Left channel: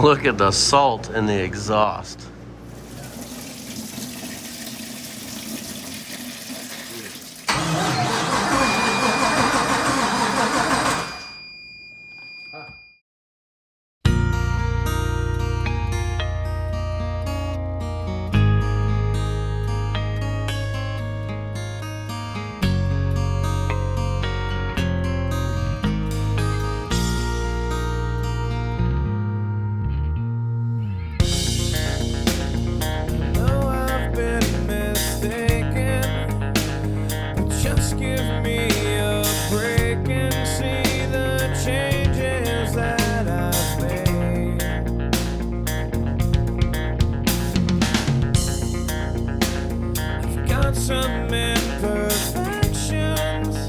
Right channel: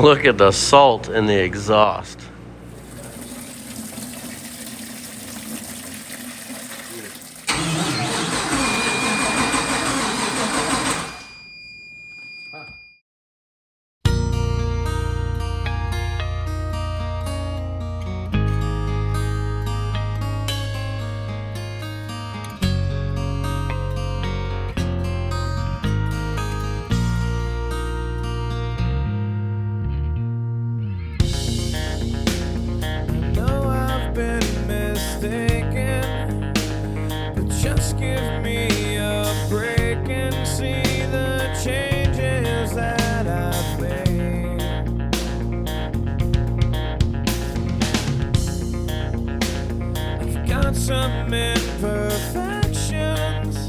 Look at the salt in the exhaust. Give me a break and see the changes that I've made. I've got some imperfections,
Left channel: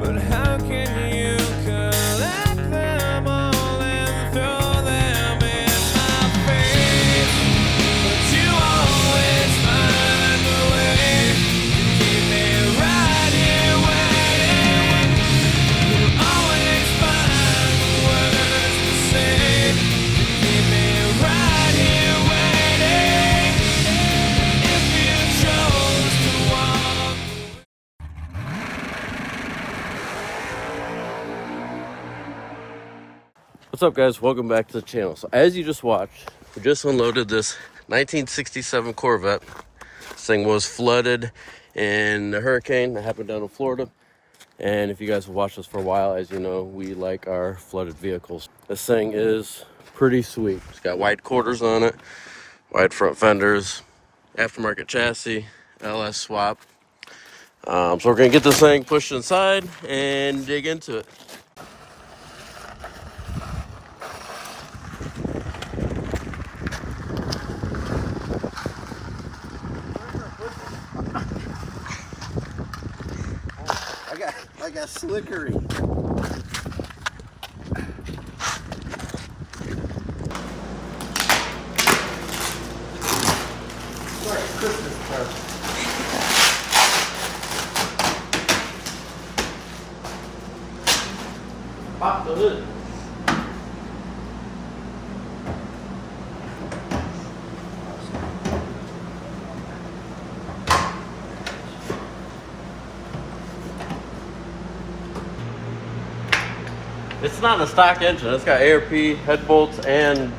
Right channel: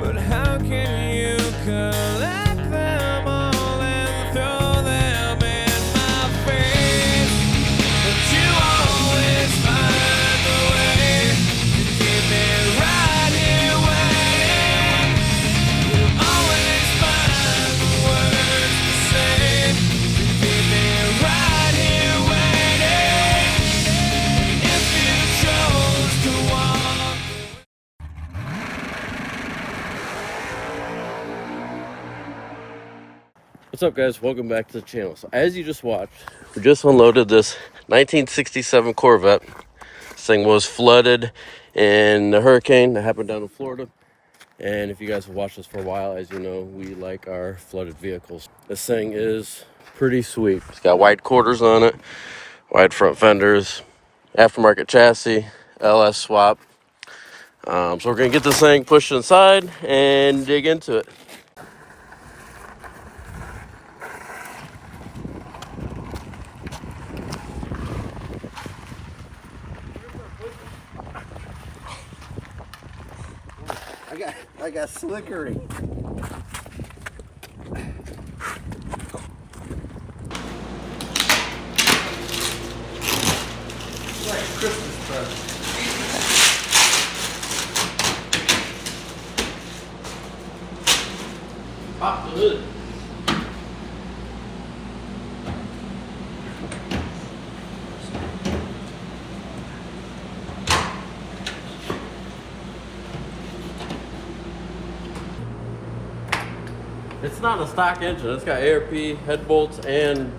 but how can you collect them all and throw them in my face? But you always find a way to keep me right. What's up, guys? Welcome back to the channel. So as you just watched, we just unloaded this 1967 Corvette. This thing was flooded in the hurricane that happened down in Florida. And if you guys have watched us for a while, as you know, we like our flooded vehicles. This thing is pretty sweet. It's got wide quarters on it, wide front fenders, aftermarket chassis, LS swap. So we're gonna get this thing pushed inside and dig into it. I got slickery. It's like a Christmas present. Pop the hood. It's not a stock engine. It's got ARP, head bolts, and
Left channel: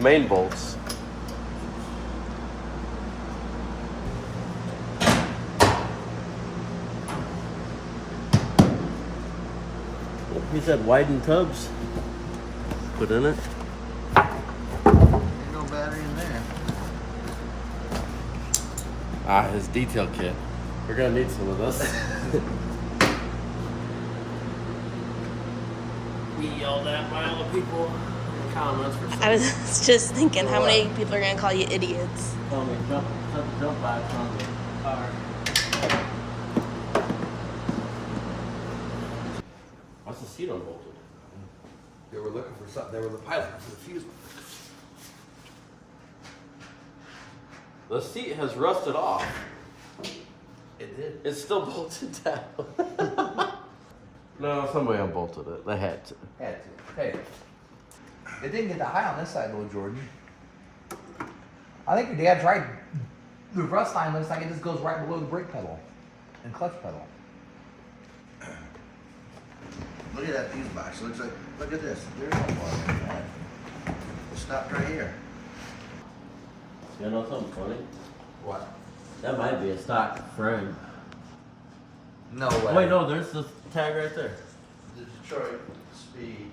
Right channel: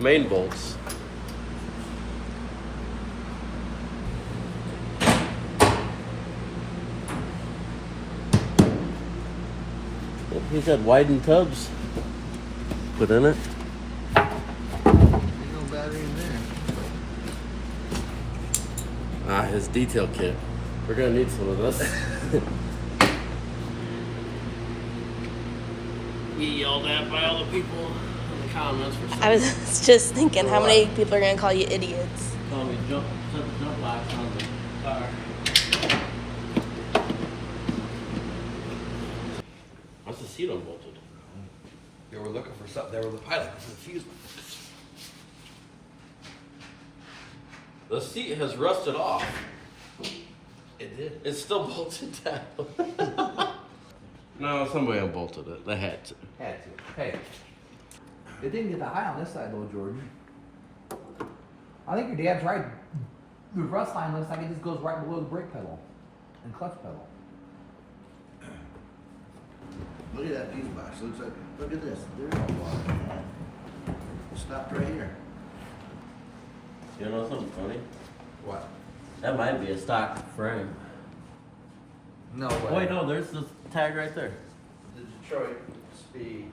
main bolts. He said widened tubs put in it. Ain't no battery in there. His detail kit. We're gonna need some of this. We yelled at by all the people in the comments for I was just thinking, how many people are gonna call you idiots? telling me jump box on the car. Why's the seat unbolted? They were looking for something. They were the pilot for the fuse. The seat has rusted off. It did. It's still bolted down. No, somebody unbolted it. They had to. Had to. Hey. It didn't get that high on this side though, Jordan. I think your dad's right. The rust line looks like it just goes right below the brake pedal and clutch pedal. Look at that fuse box. Looks like, look at this. There's no water. It stopped right here. You know something funny? What? That might be a stock frame. No Oh, way. wait, no, there's the tag right there. The Detroit speed.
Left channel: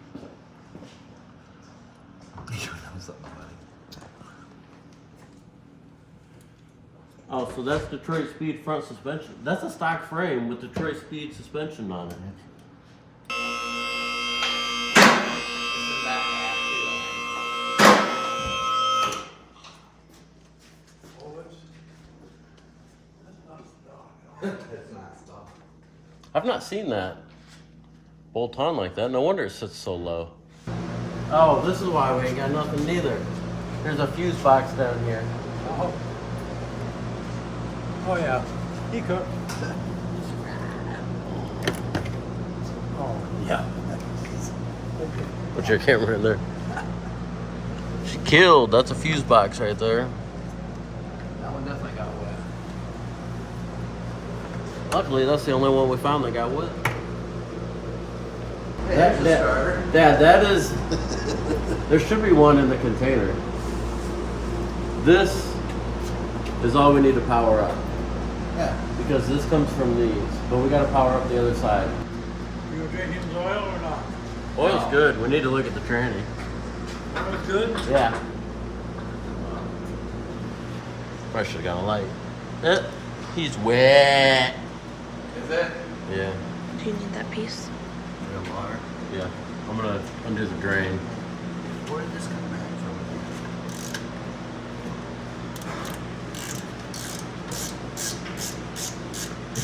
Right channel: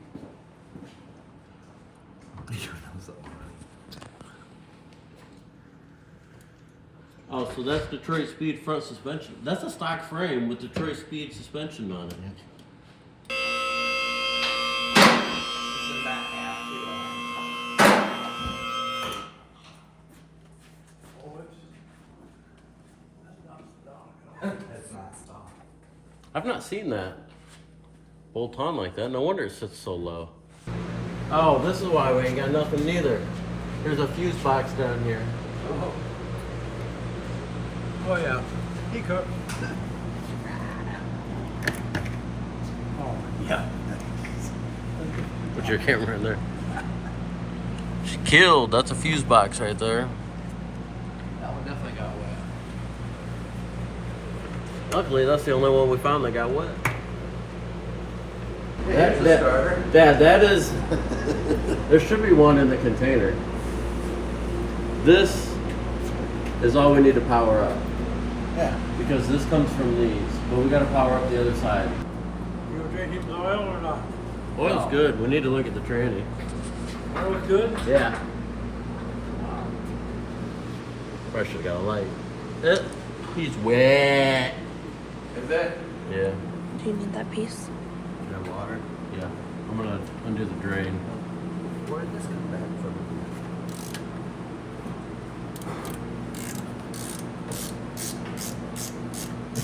Oh, so that's Detroit Speed front suspension. That's a stock frame with Detroit Speed suspension on it. I've not seen that bolt on like that. No wonder it sits so low. Oh, this is why we ain't got nothing neither. There's a fuse box down here. Oh yeah, teacup. Oh yeah. Put your camera in there. She killed. That's a fuse box right there. That one definitely got wet. Luckily, that's the only one we found that got wet. There's the starter. Dad, that is. There should be one in the container. This is all we need to power up. Yeah. Because this comes from these. But we got to power up the other side. You gonna change it to oil or not? Oil's good. We need to look at the tranny. Oil's good? Yeah. I should have got a light. He's wet. Is it? Yeah. Do you need that piece? The water. Yeah. I'm gonna undo the drain. Where did this come back from?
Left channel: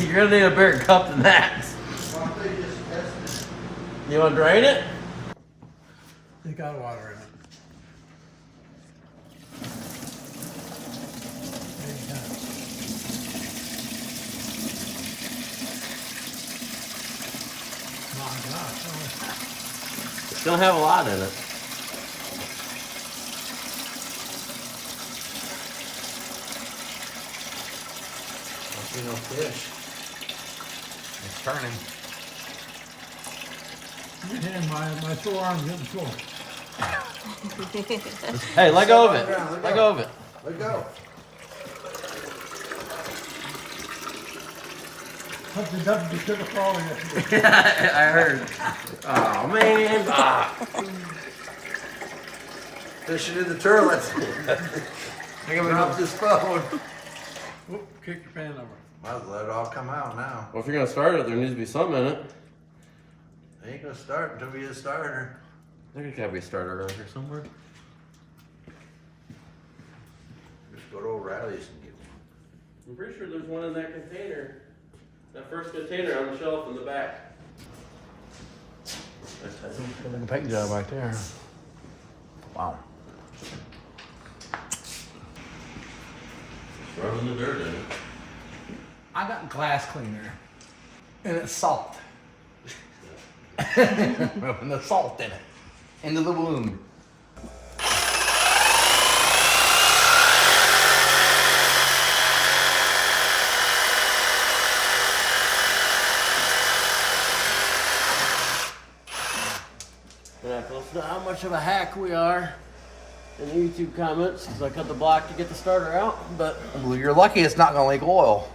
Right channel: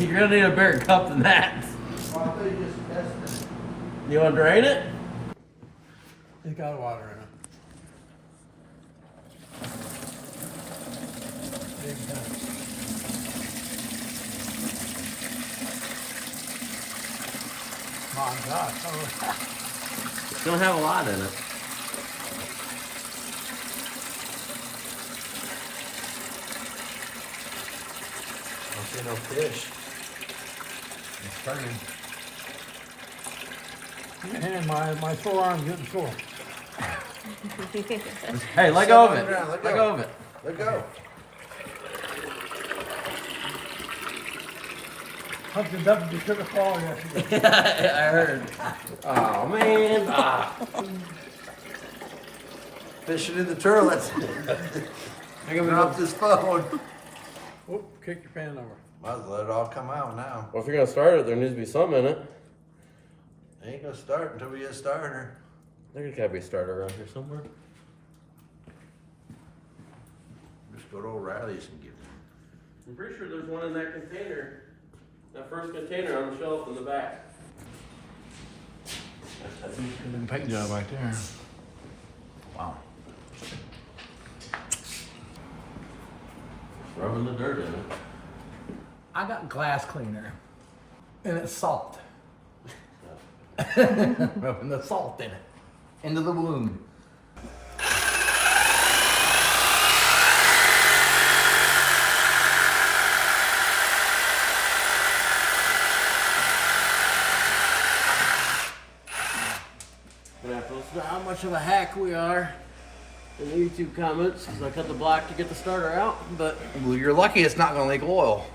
You're gonna need a bigger cup than that. You wanna drain it? It's got water in it. My God. Oh, It's gonna have a lot in it. That's no fish. It's turning. man, my sore arm's getting sore. Hey, let go of it. Let go of it. Let go. Hudson Deputy took a fall yesterday. I heard. Oh man. Fishing in the toilets. I got Drop this phone. Whoop, kick your pan over. Well, let it all come out now. Well, if you're gonna start it, there needs to be something in it. It ain't gonna start until we get a starter. I think there gotta be a starter around here somewhere. Just go to O'Reilly's and get one. I'm pretty sure there's one in that container. That first container on the shelf in the back. Put them pegs out back there. Wow. Rubbing the dirt in it. I got glass cleaner. And it's salt. Rubbing the salt in it. Into the wound. Gonna have to listen to how much of a hack we are in the YouTube comments because I cut the block to get the starter out, but Well, you're lucky it's not gonna leak oil.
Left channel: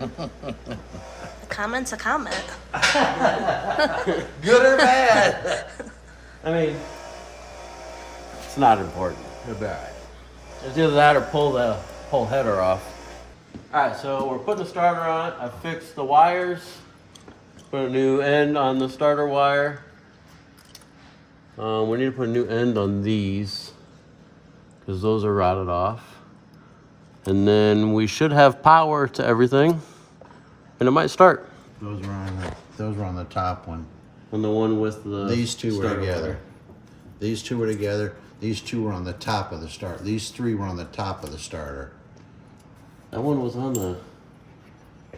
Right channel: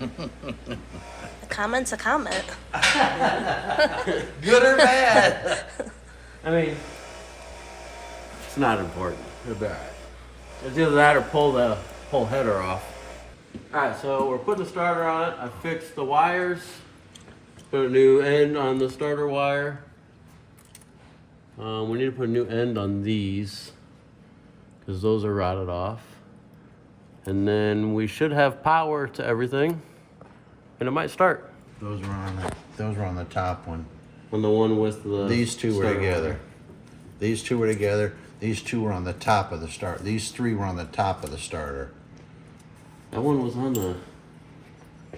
A comment's a comment. Good or bad? I mean, it's not important. It'll be alright. It's either that or pull the whole header off. Alright, so we're putting the starter on it. I fixed the wires. Put a new end on the starter wire. We need to put a new end on these because those are rotted off. And then we should have power to everything. And it might start. Those were on the top one. On the one with the These two were starter together. wire. These two were together. These two were on the top of the start. These three were on the top of the starter. That one was on the...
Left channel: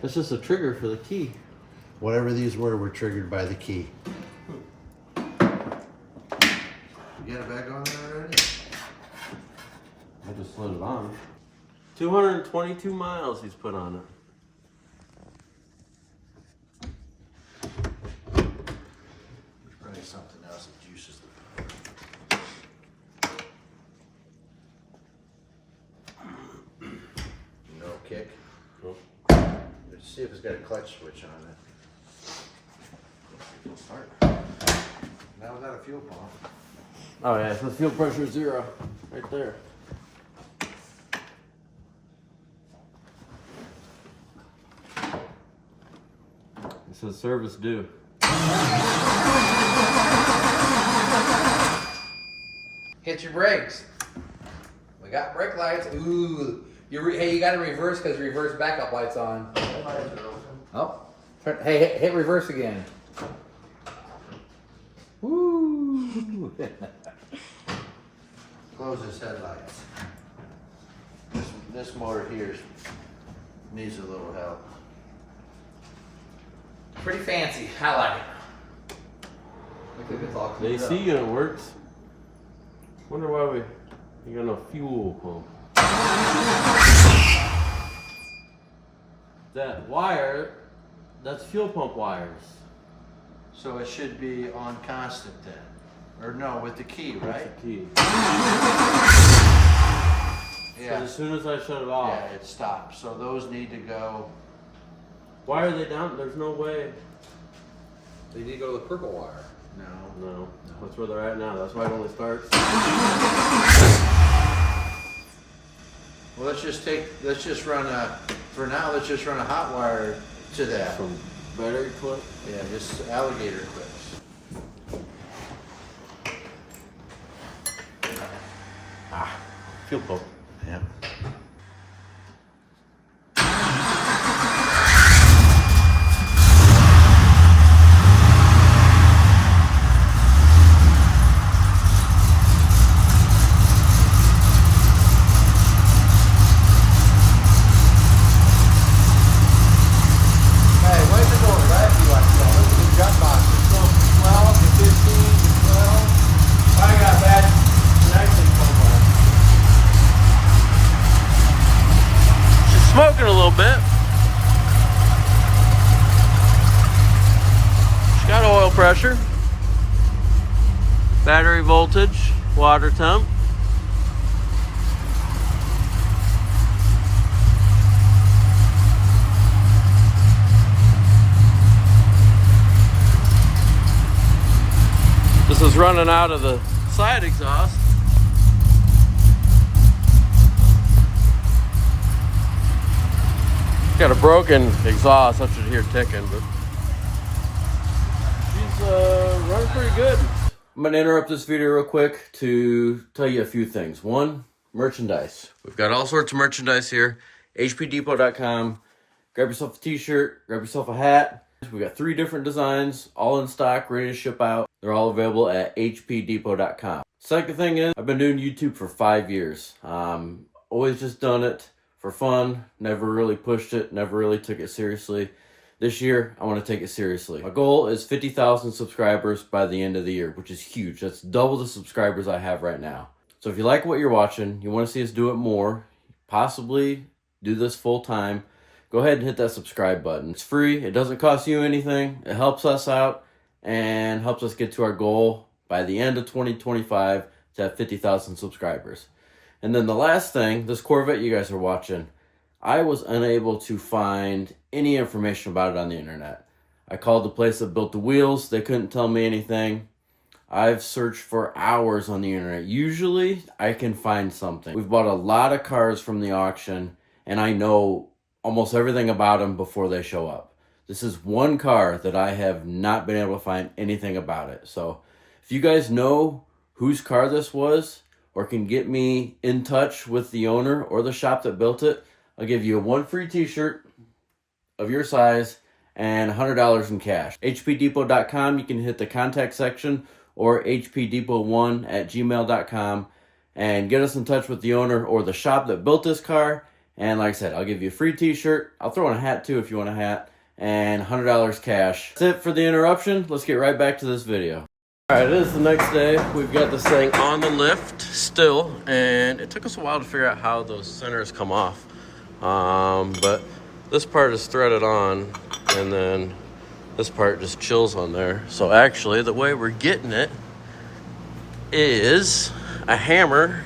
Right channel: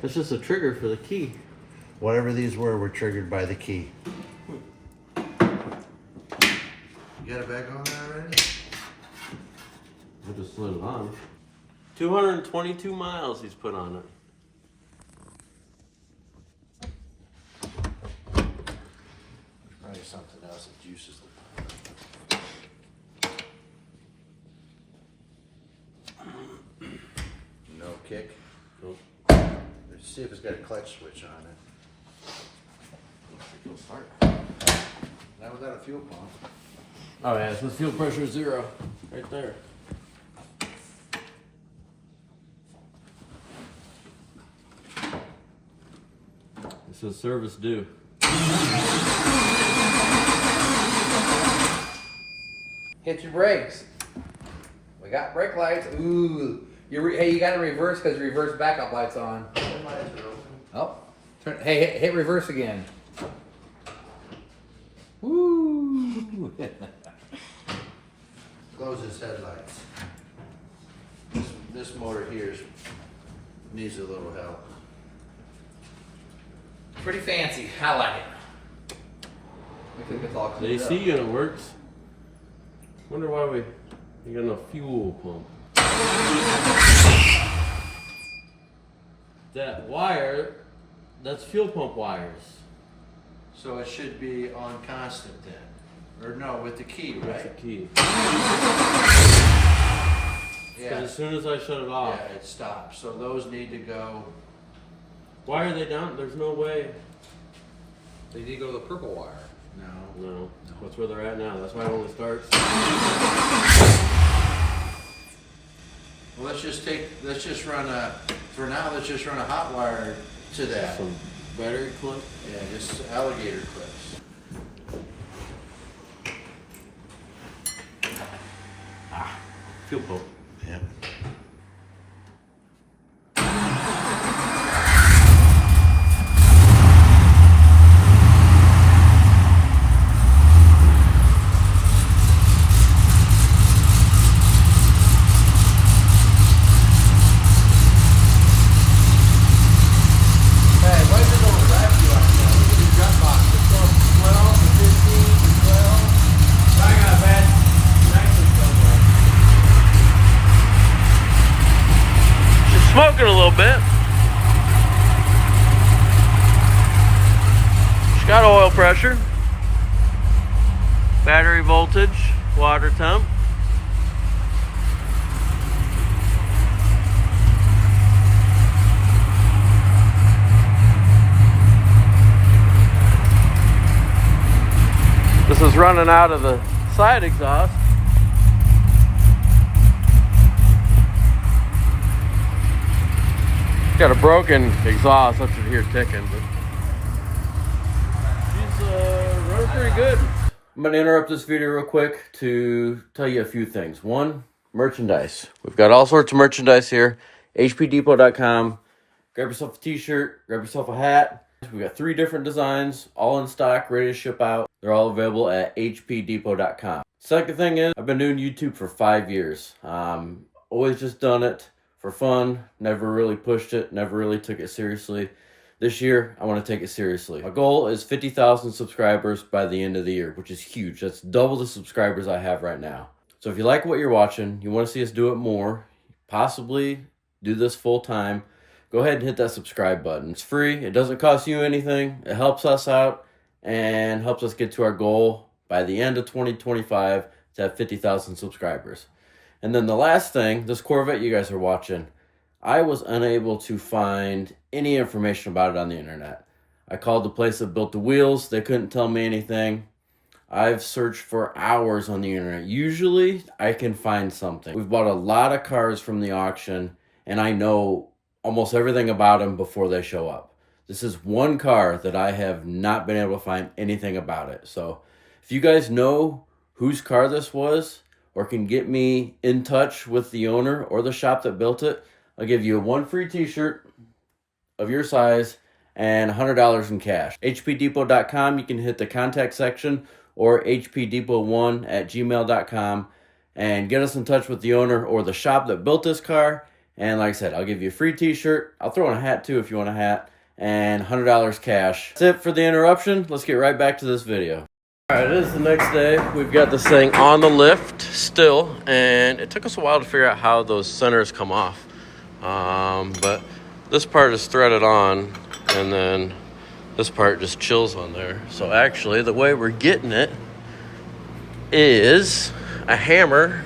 That's just a trigger for the key. Whatever these were triggered by the key. You got it back on there already? I just slid it on. 222 miles he's put on it. There's probably something else that juices the no kick. Cool. Let's see if it's got a clutch switch on it. Alright. Now we got a fuel pump. Oh yeah, so fuel pressure is 0. Right there. It says service due. Hit your brakes. We got brake lights. Ooh. Hey, you got to reverse because reverse backup light's on. Oh. Hey, hit reverse again. Woo. Close his headlights. This motor here needs a little help. Pretty fancy. I like it. Look at it's all The cleaned AC up. unit works. Wonder why we You got no fuel pump. That wire, that's fuel pump wires. So it should be on constant then. Or no, with the key, right? That's the key. Yeah. As soon as I shut it off. Yeah, it stops. So those need to go. Why are they down? There's no way. So you need to go to the purple wire. No. That's where they're at now. That's why it only starts. Well, let's just run a hot wire to that. Some battery clip. Yeah, just alligator clips. Fuel pump. Yeah. Smoking a little bit. She's got oil pressure, battery voltage, water temp. This is running out of the side exhaust. Got a broken exhaust, that's what you hear ticking, but she's running pretty good. I'm gonna interrupt this video real quick to tell you a few things. One, merchandise. We've got all sorts of merchandise here. hpdepot.com. Grab yourself a t-shirt, grab yourself a hat. We got 3 different designs, all in stock, ready to ship out. They're all available at hpdepot.com. Second thing is, I've been doing YouTube for 5 years. Always just done it for fun, never really pushed it, never really took it seriously. This year, I want to take it seriously. My goal is 50,000 subscribers by the end of the year, which is huge. That's double the subscribers I have right now. So if you like what you're watching, you want to see us do it more, possibly do this full time, go ahead and hit that subscribe button. It's free, it doesn't cost you anything, it helps us out, and helps us get to our goal by the end of 2025 to have 50,000 subscribers. And then the last thing, this Corvette you guys are watching, I was unable to find any information about it on the internet. I called the place that built the wheels. They couldn't tell me anything. I've searched for hours on the internet. Usually, I can find something. We've bought a lot of cars from the auction, and I know almost everything about them before they show up. This is one car that I have not been able to find anything about it. So, if you guys know whose car this was, or can get me in touch with the owner or the shop that built it, I'll give you 1 free t-shirt of your size and $100 in cash. hpdepot.com, you can hit the contact section, or hpdepot1@gmail.com, and get us in touch with the owner or the shop that built this car. And like I said, I'll give you a free t-shirt. I'll throw in a hat too if you want a hat, and $100 cash. That's it for the interruption. Let's get right back to this video. All right, it is the next day. We've got this thing on the lift still, and it took us a while to figure out how those centers come off. But this part is threaded on, and then this part just chills on there. So actually, the way we're getting it is a hammer,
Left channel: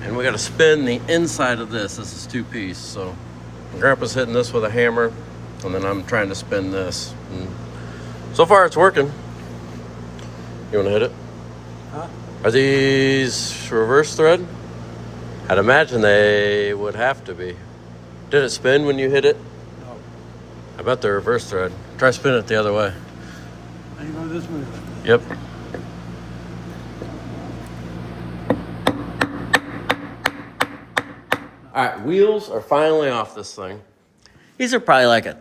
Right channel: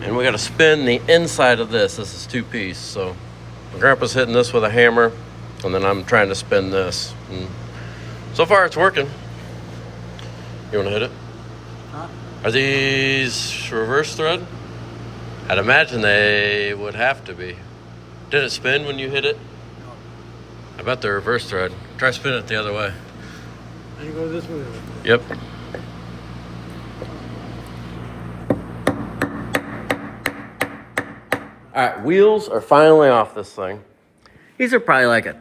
and we got to spin the inside of this. This is 2-piece, so my grandpa's hitting this with a hammer, and then I'm trying to spin this. And so far, it's working. You want to hit it? Huh? Are these reverse thread? I'd imagine they would have to be. Did it spin when you hit it? No. I bet they're reverse thread. Try spinning it the other way. And go this way. Yep. All right, wheels are finally off this thing. These are probably like a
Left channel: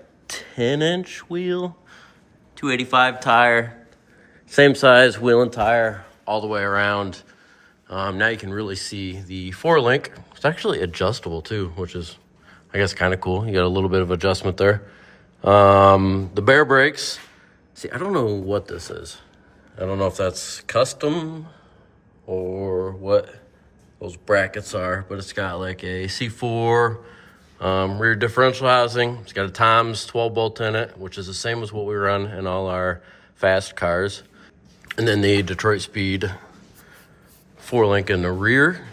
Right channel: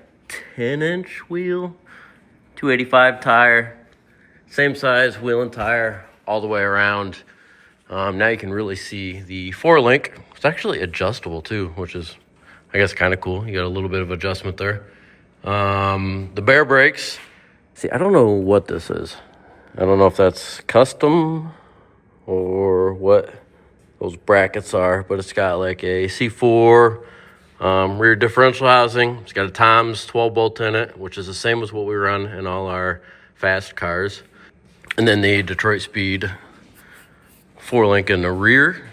10-inch wheel. 285 tire, same size wheel and tire all the way around. Now you can really see the 4-link. It's actually adjustable too, which is, I guess, kind of cool. You got a little bit of adjustment there. The bare brakes. See, I don't know what this is. I don't know if that's custom or what those brackets are, but it's got like a C4 rear differential housing. It's got a Tom's 12 bolt in it, which is the same as what we run in all our fast cars. And then the Detroit Speed 4-link in the rear,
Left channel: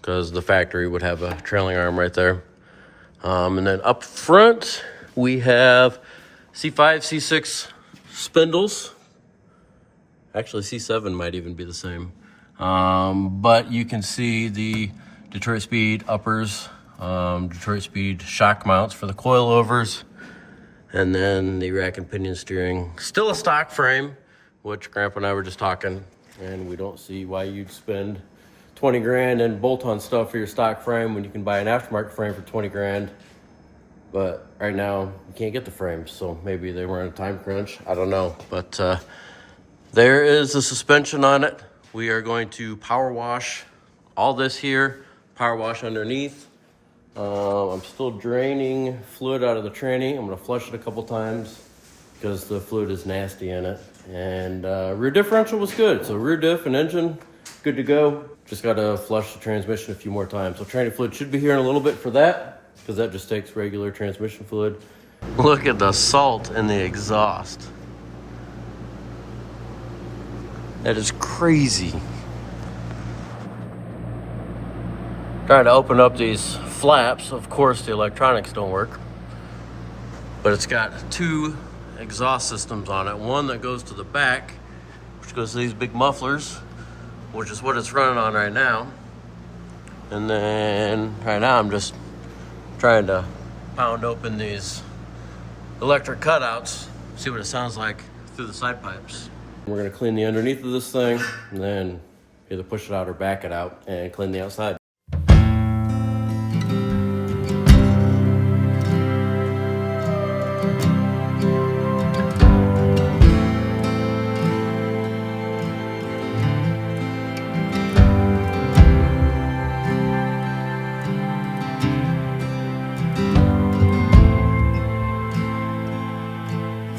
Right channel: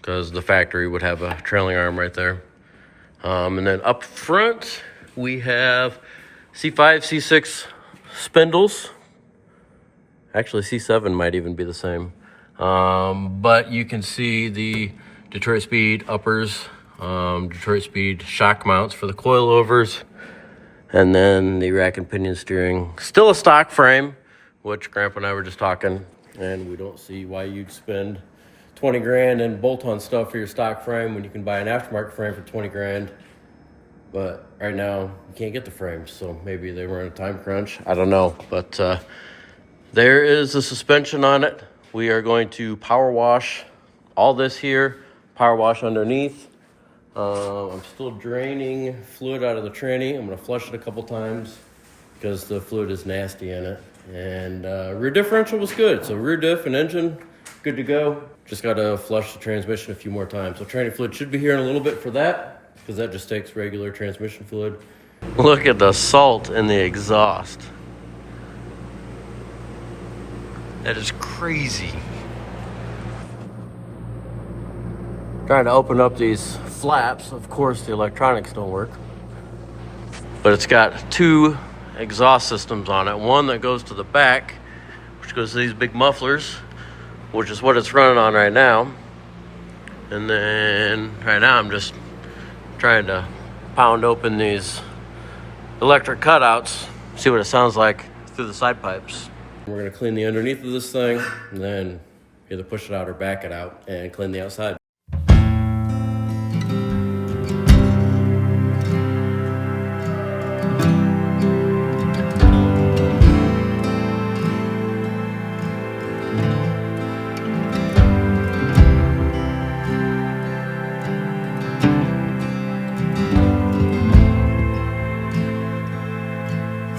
because the factory would have a trailing arm right there. And then up front, we have C5, C6 spindles. Actually, C7 might even be the same. But you can see the Detroit Speed uppers, Detroit Speed shock mounts for the coilovers, and then the rack and pinion steering. Still a stock frame, which Grandpa and I were just talking, and we don't see why you'd spend 20 grand and bolt-on stuff for your stock frame when you can buy an aftermarket frame for 20 grand. But right now, you can't get the frames, so maybe they were in a time crunch. I don't know, but there is a suspension on it. We are going to power wash all this here, power wash underneath. I'm still draining fluid out of the tranny. I'm gonna flush it a couple times because the fluid is nasty in it. And rear differential was good. So rear diff and engine, good to go. Just gotta flush the transmission a few more times. So tranny fluid should be here in a little bit for that, because that just takes regular transmission fluid. Look at the salt in the exhaust. That is crazy. Trying to open up these flaps. Of course, the electronics don't work. But it's got two exhaust systems on it. One that goes to the back, which goes to these big mufflers, which is what it's running on right now. And then right now I'm just trying to pound open these electric cutouts, see what it sounds like through the side pipes. We're gonna clean the underneath of this thing, and then either push it out or back it out and clean the outside.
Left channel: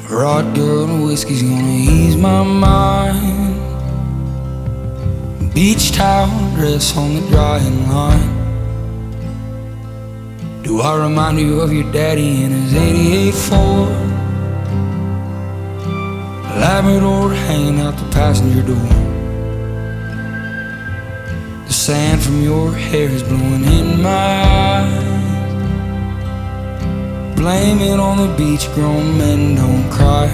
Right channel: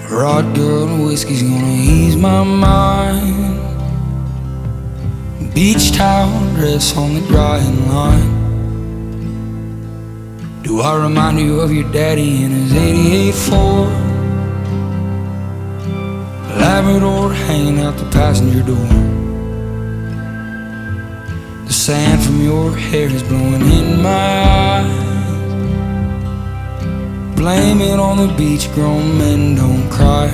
Vodka and whiskey's gonna ease my mind. Beach towel dress on the drying line. Do I remind you of your daddy in his 88 Ford? Labrador hanging out the passenger door. The sand from your hair is blowing in my eyes. Blame it on the beach, grown men don't cry.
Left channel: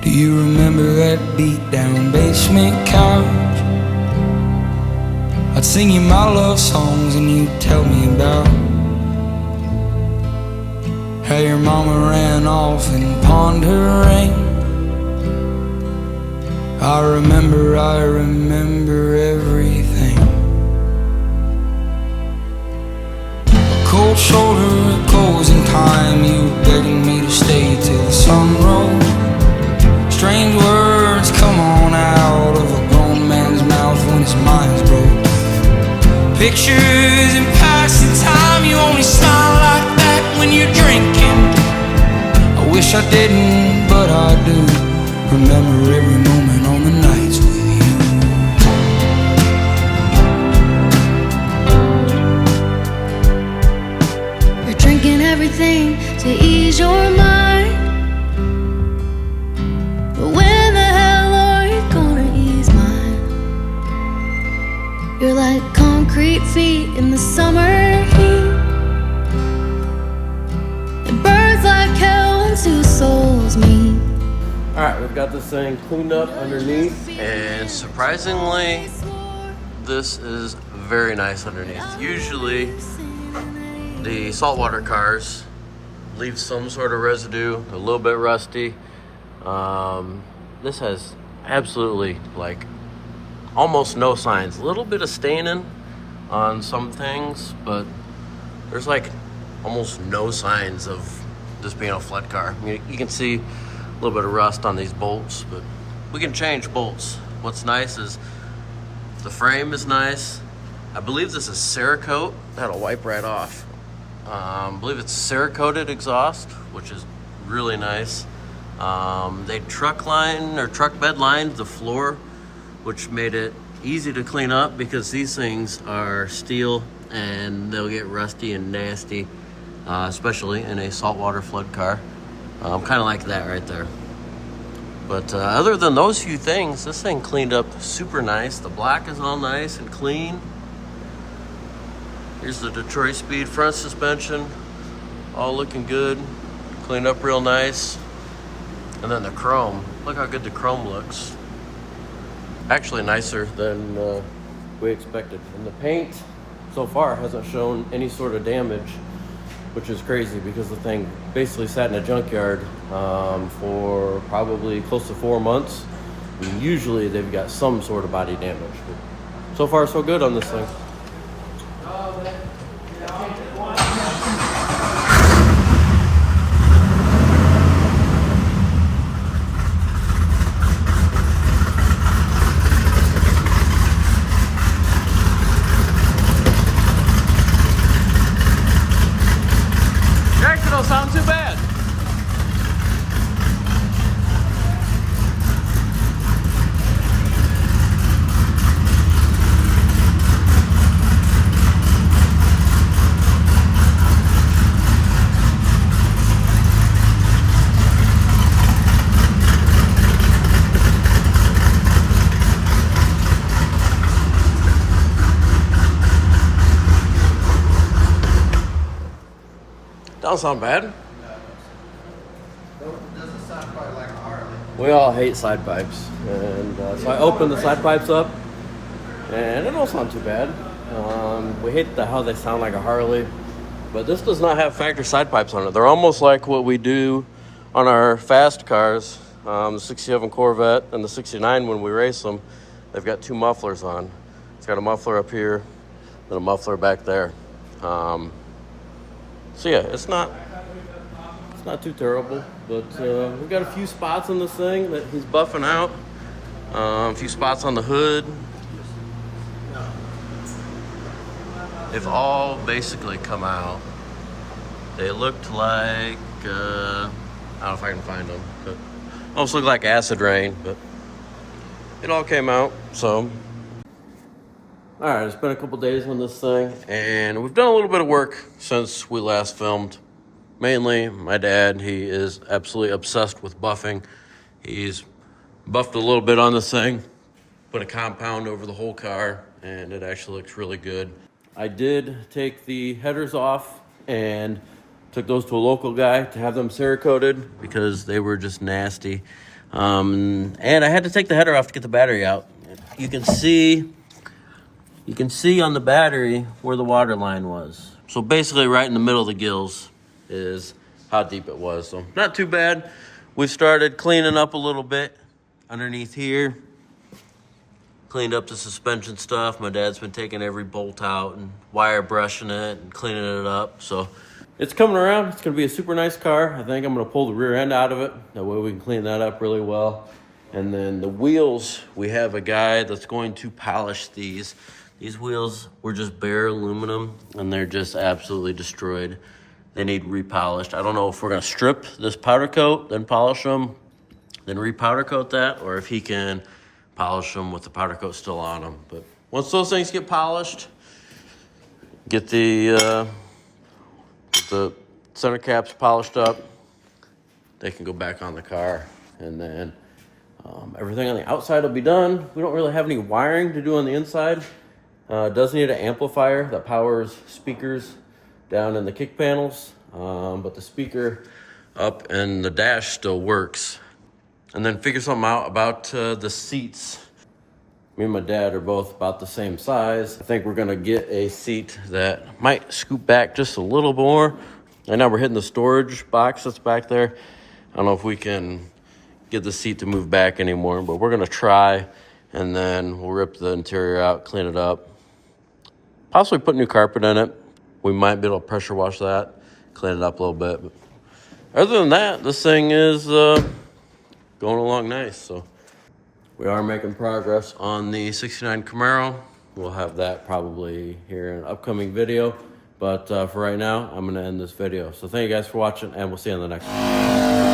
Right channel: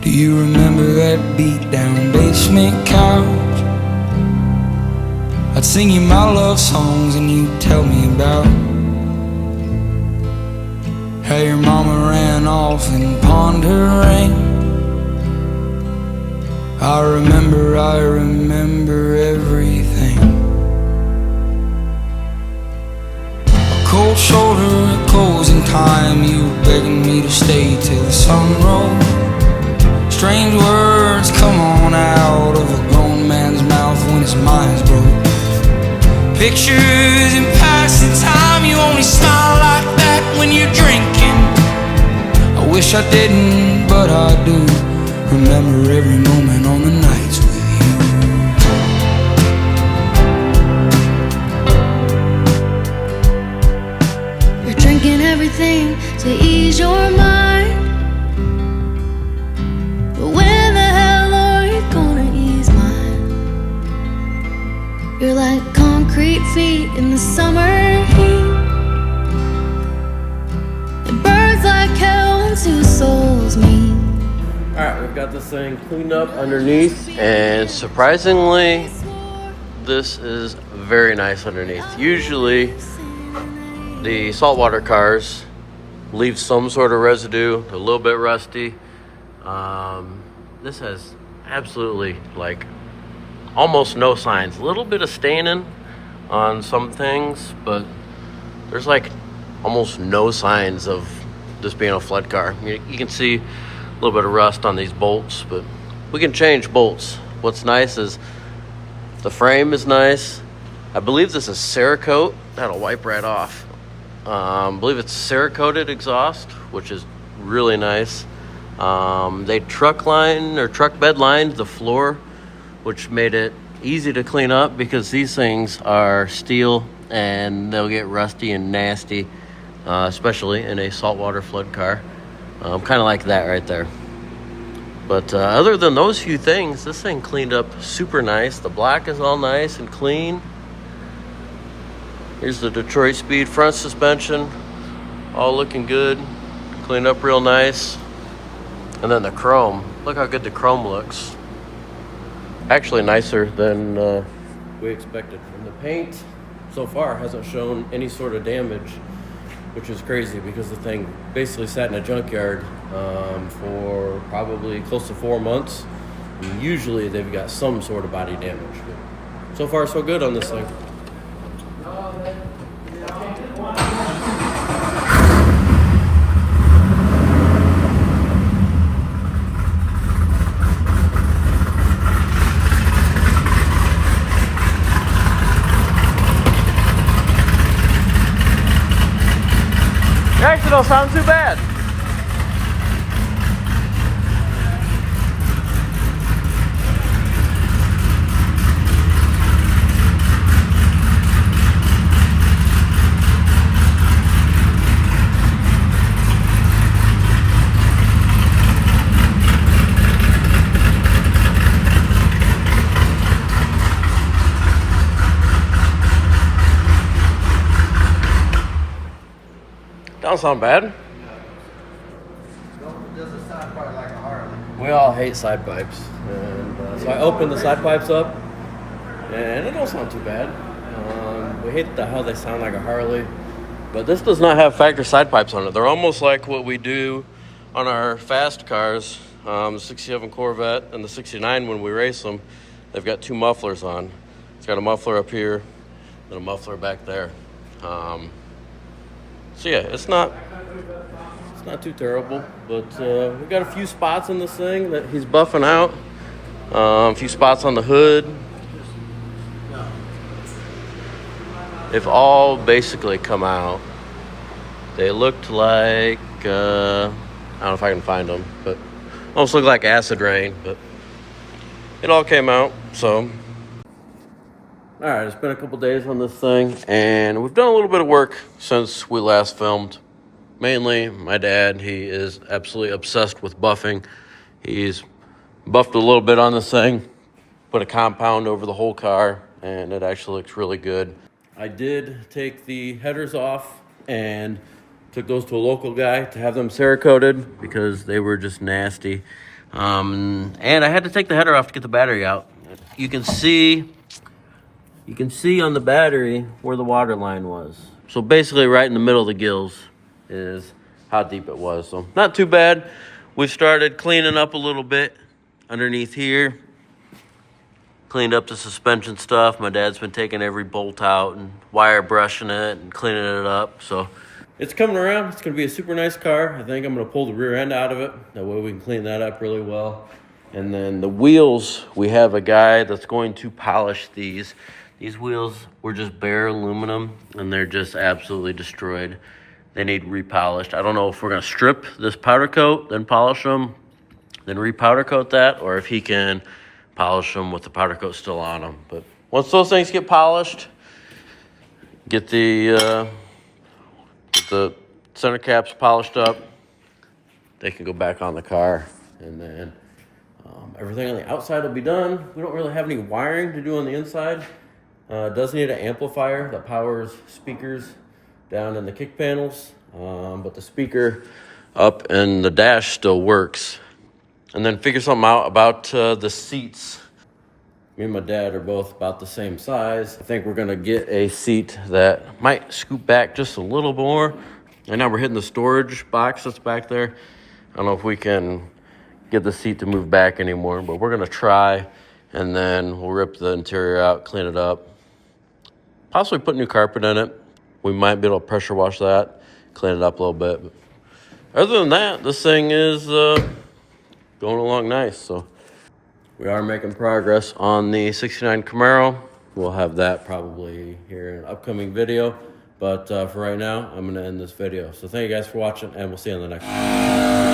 Do you remember that beat down basement couch? I'd sing you my love songs and you'd tell me about how your mama ran off and pawned her ring. I remember everything. Cold shoulder, a closing time. You were begging me to stay till the sun rose. Strange words come on out of a grown man's mouth when his mind's broke. Pictures in passing time. You only smile like that when you're drinking. I wish I didn't, but I do. Remember every moment on the nights with you. Drinking everything to ease your mind. But when the hell are you gonna ease mine? You're like concrete feet in the summer heat. It burns like hell when two souls meet. Alright, we've got this thing cleaned up underneath, and surprisingly, this is very nice underneath. Usually, the saltwater cars leave some sort of residue, a little bit rusty. This has absolutely like almost no signs. A little bit of staining on some things, but there's like almost no signs of this being a flood car. I mean, you can see a little bit of rust on these bolts, but we can change bolts. What's nice is the frame is nice. I believe this is Cerakote. That'll wipe right off. I believe it's Cerakoted exhaust, which is really nice. They truck bed lined the floor which made it easy to clean up because these things are steel and they'll get rusty and nasty, especially in a saltwater flood car. Kind of like that right there. But other than those few things, this thing cleaned up super nice. The black is all nice and clean. Here's the Detroit Speed front suspension, all looking good, cleaned up real nice. And then the chrome, look how good the chrome looks. Actually nicer than we expected. And the paint so far hasn't shown any sort of damage, which is crazy because the thing basically sat in a junkyard for probably close to 4 months. And usually they've got some sort of body damage. But so far so good on this thing. Actually don't sound too bad. Don't sound bad. We all hate side pipes, and so I opened the side pipes up, and it don't sound too bad. We hate how they sound like a Harley, but this does not have factory side pipes on it. They're almost like what we do on our fast cars, the 67 Corvette and the 69 when we race them. They've got two mufflers on. It's got a muffler up here and a muffler back there. So yeah, it's not too terrible, but we've got a few spots on this thing that he's buffing out. A few spots on the hood. They've all basically come out. They looked like, I don't know if I can find them, but almost look like acid rain, but it all came out, so. All right, it's been a couple days on this thing, and we've done a little bit of work since we last filmed. Mainly, my dad, he is absolutely obsessed with buffing. He's buffed a little bit on this thing, put a compound over the whole car, and it actually looks really good. I did take the headers off and took those to a local guy to have them Cerakoted because they were just nasty. And I had to take the header off to get the battery out. You can see on the battery where the water line was. So basically right in the middle of the gills is how deep it was. So not too bad. We started cleaning up a little bit underneath here. Cleaned up the suspension stuff. My dad's been taking every bolt out and wire brushing it and cleaning it up. So it's coming around. It's gonna be a super nice car. I think I'm gonna pull the rear end out of it. That way we can clean that up really well. And then the wheels, we have a guy that's going to polish these. These wheels were just bare aluminum and they're just absolutely destroyed. They need repolished. I don't know if we're gonna strip this powder coat, then polish them, then repowder coat that, or if he can polish them with the powder coat still on them. But once those things get polished, get the center caps polished up, they can go back on the car, and then everything on the outside will be done. We don't really have any wiring to do on the inside. It does need an amplifier that powers speakers down in the kick panels, but the speaker up in the dash still works. And then figure something out about the seats. Me and my dad are both about the same size. I think we're gonna get a seat that might scoot back just a little more. And now we're hitting the storage box that's back there. I don't know if we can get the seat to move back anymore, but we're gonna try, and then we'll rip the interior out, clean it up. Possibly put new carpet in it. We might be able to pressure wash that, clean it up a little bit. But other than that, this thing is going along nice. So we are making progress on the 69 Camaro. We'll have that probably here in an upcoming video. But for right now, I'm going to end this video. So thank you guys for watching, and we'll see you on the next one.